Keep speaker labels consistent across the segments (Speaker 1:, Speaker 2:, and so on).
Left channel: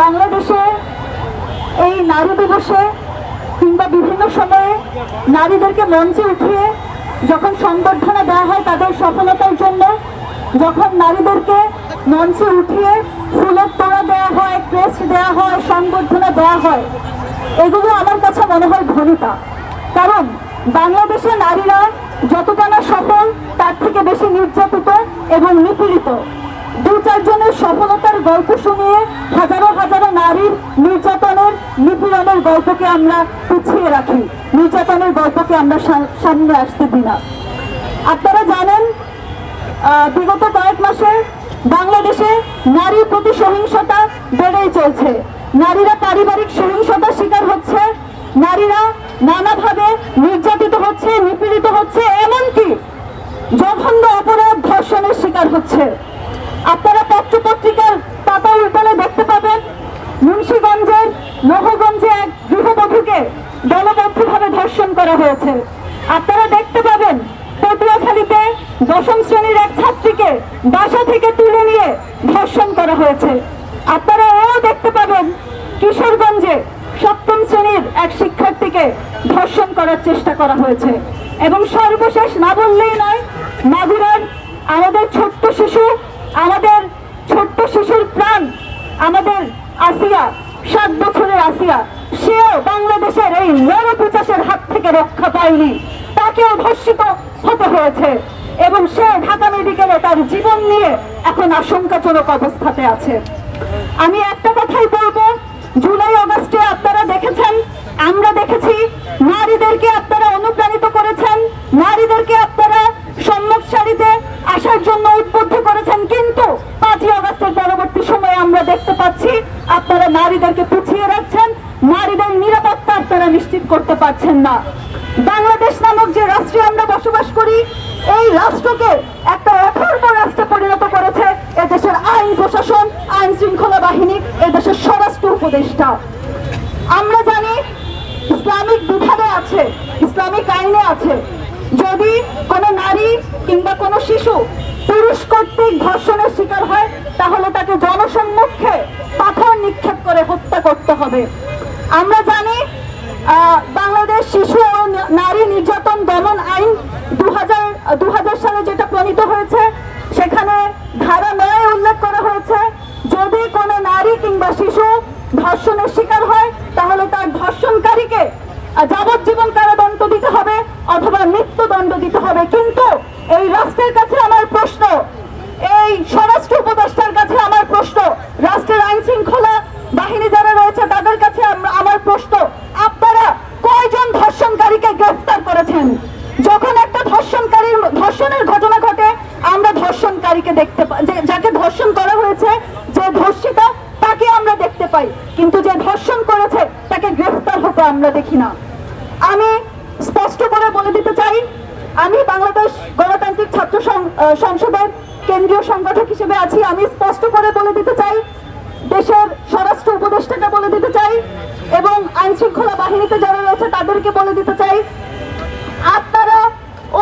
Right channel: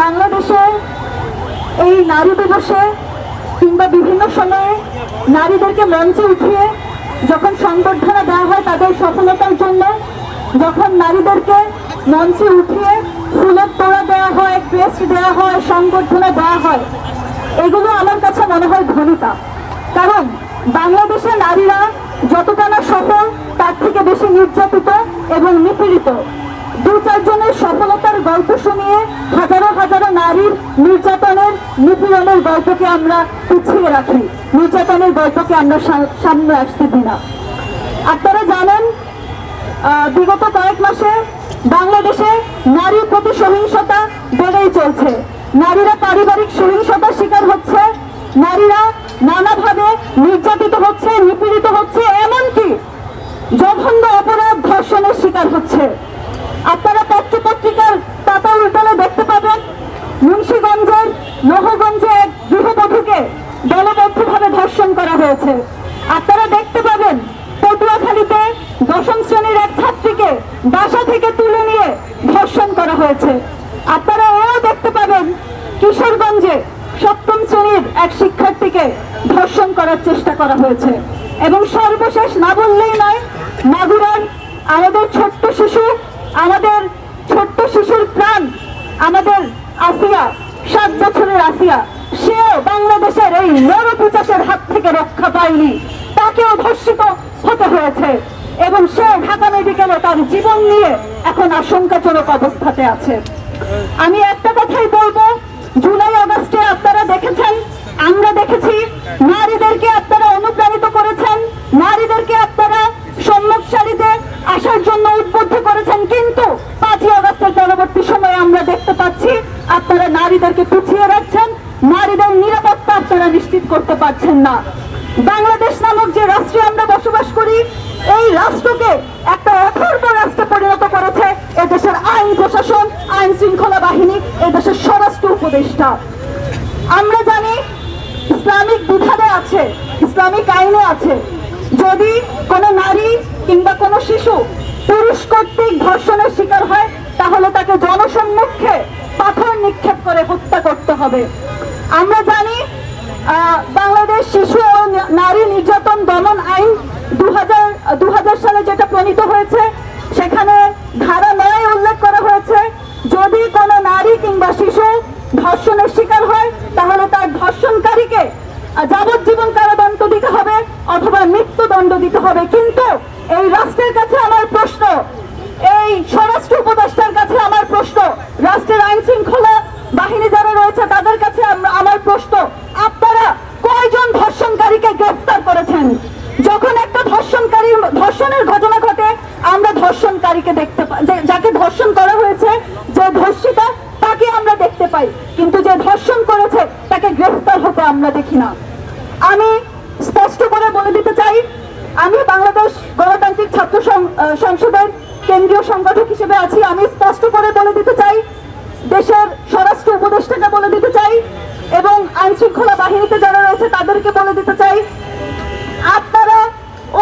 Speaker 1: বাংলাদেশে এই নারী দিবসে কিংবা বিভিন্ন সময়ে নারীদেরকে মঞ্চে উঠিয়ে যখন সংবর্ধনা দেওয়া হয় তাদের সফলতার জন্য, যখন নারীদেরকে মঞ্চে উঠিয়ে ফুলের তোড়া দেওয়া হয় ক্রেস্ট দেওয়া হয়, সংবর্ধনা দেওয়া হয়, এগুলো আমার কাছে মনে হয় ভূমিকা কারণ বাংলাদেশের নারীরা যতটা না সফল, তার থেকে বেশি নির্যাতিত এবং নিপীড়িত। দু চারজনের সফলতার গল্প হাজারো হাজারো নারীর নির্যাতনের নিপীড়নের গল্পকে আমরা পিছিয়ে রাখি। নির্যাতনের গল্পকে আমরা সামনে আসতে দিই না। আপনারা জানেন বিগত কয়েক মাসে বাংলাদেশে নারীর প্রতি সহিংসতা বেড়েই চলছে। নারীরা পারিবারিক সহিংসতার শিকার হচ্ছে, নারীরা নানাভাবে নির্যাতিত হচ্ছে, নিপীড়িত হচ্ছে, এমনকি জঘন্য অপরাধ ধর্ষণের শিকার হচ্ছে আপনারা পত্র পত্রিকার পাতা উল্টালে দেখতে পাবেন নহগঞ্জে এক গৃহবধূকে দলবদ্ধভাবে ধর্ষণ করা হয়েছে। আপনারা দেখতে পাবেন, পটুয়াখালীতে দশম শ্রেণির এক ছাত্রীকে বাসা থেকে তুলে নিয়ে ধর্ষণ করা হয়েছে। আপনারা এও দেখতে পাবেন, কিশোরগঞ্জে সপ্তম শ্রেণির এক শিক্ষার্থীকে ধর্ষণ করার চেষ্টা করা হয়েছে। এবং সর্বশেষ না বললেই নয় বছরের আসিয়া সেও বাংলাদেশের এই নরপিচাসের হাত থেকে রক্ষা পায়নি। তাকেও ধর্ষিত হতে হয়েছে। এবং সে ঢাকা মেডিকেলে তার জীবন নিয়ে এখন আশঙ্কাজনক অবস্থাতে আছে। আমি একটা কথাই বলব, জুলাই, আগস্টে আপনারা দেখেছেন, আমরা দেখেছি, নারীদেরকে আপনারা অনুপ্রাণিত করেছেন, নারীদেরকে আপনারা সম্মুখ সারিতে আসার জন্য উদ্বুদ্ধ করেছেন। কিন্তু পাঁচই আগস্টের পরবর্তী সময়ে আমরা দেখতে পাচ্ছি, আপনারা নারীদেরকে পিছিয়ে রাখছেন নারীদের নিরাপত্তা আপনারা নিশ্চিত পারছেন না। বাংলাদেশ নামক যে রাষ্ট্রে আমরা বসবাস করি, এই রাষ্ট্রকে একটা অথর্ব রাষ্ট্রে পরিণত করেছে এদেশের আইন প্রশাসন, আইন শৃঙ্খলা বাহিনী, এদেশের স্বরাষ্ট্র উপদেষ্টা। আমরা জানি ইসলামিক বিধানে আছে, ইসলামিক আইনে আছে। যদি কোনো নারী কিংবা কোনো শিশু পুরুষ কর্তৃক ধর্ষণের শিকার হয়, তাহলে তাকে জনসম্মুখে পাথর নিক্ষেপ করে হত্যা করতে হবে। আমরা জানি আহ, বাংলাদেশ শিশু ও ন- নারী নির্যাতন দমন আইন দু হাজার দু হাজার সালে যেটা প্রণীত হয়েছে, সেখানে ধারা নয় উল্লেখ করা হয়েছে, যদি কোনো নারী কিংবা শিশু ধর্ষণের শিকার হয়, তাহলে তার ধর্ষণকারীকে যাবজ্জীবন কারাদণ্ড দিতে হবে অথবা মৃত্যুদণ্ড দিতে হবে। কিন্তু এই রাষ্ট্রের কাছে আমার প্রশ্ন, এই স্বরাষ্ট্র উপদেষ্টার কাছে আমার প্রশ্ন, রাষ্ট্রের আইন শৃঙ্খলা বাহিনী যারা রয়েছে, তাদের কাছে আমার প্রশ্ন, আপনারা কয়জন ধর্ষণকারীকে গ্রেফতার করেছেন? যখন একটা ধর্ষণকারীর ধর্ষণের ঘটনা ঘটে আমরা ধর্ষণকারীকে দেখতে পাই যাকে ধর্ষণ করা হয়েছে, যে ধর্ষিত, তাকে আমরা দেখতে পাই। কিন্তু যে ধর্ষণ করেছে, তাকে গ্রেফতার হতে আমরা দেখি না। আমি স্পষ্ট করে বলে দিতে চাই, আমি বাংলাদেশ গণতান্ত্রিক ছাত্র সংসদের কেন্দ্রীয় সংগঠক হিসেবে আছি। আমি স্পষ্ট করে বলে দিতে চাই, দেশের স্বরাষ্ট্র উপদেষ্টাকে বলে দিতে চাই, এবং আইন শৃঙ্খলা বাহিনীতে যারা রয়েছে, তাদেরকে বলে দিতে চাই, আপনারা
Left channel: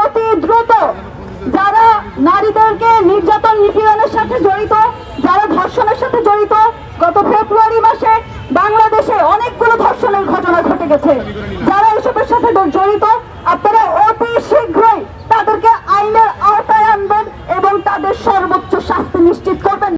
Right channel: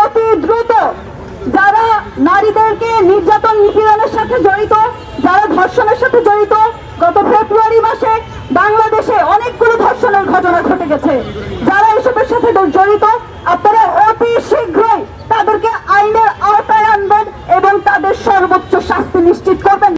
Speaker 1: অতি দ্রুত যারা নারীদেরকে নির্যাতন নিপীড়নের সাথে জড়িত, যারা ধর্ষণের সাথে জড়িত, গত ফেব্রুয়ারি মাসে বাংলাদেশে অনেকগুলো ধর্ষণের ঘটনা ঘটে গেছে। যারা এসবের সাথে জড়িত, আপনারা অতি শীঘ্রই তাদেরকে আইনের আওতায় আনবেন এবং তাদের সর্বোচ্চ শাস্তি নিশ্চিত করবেন।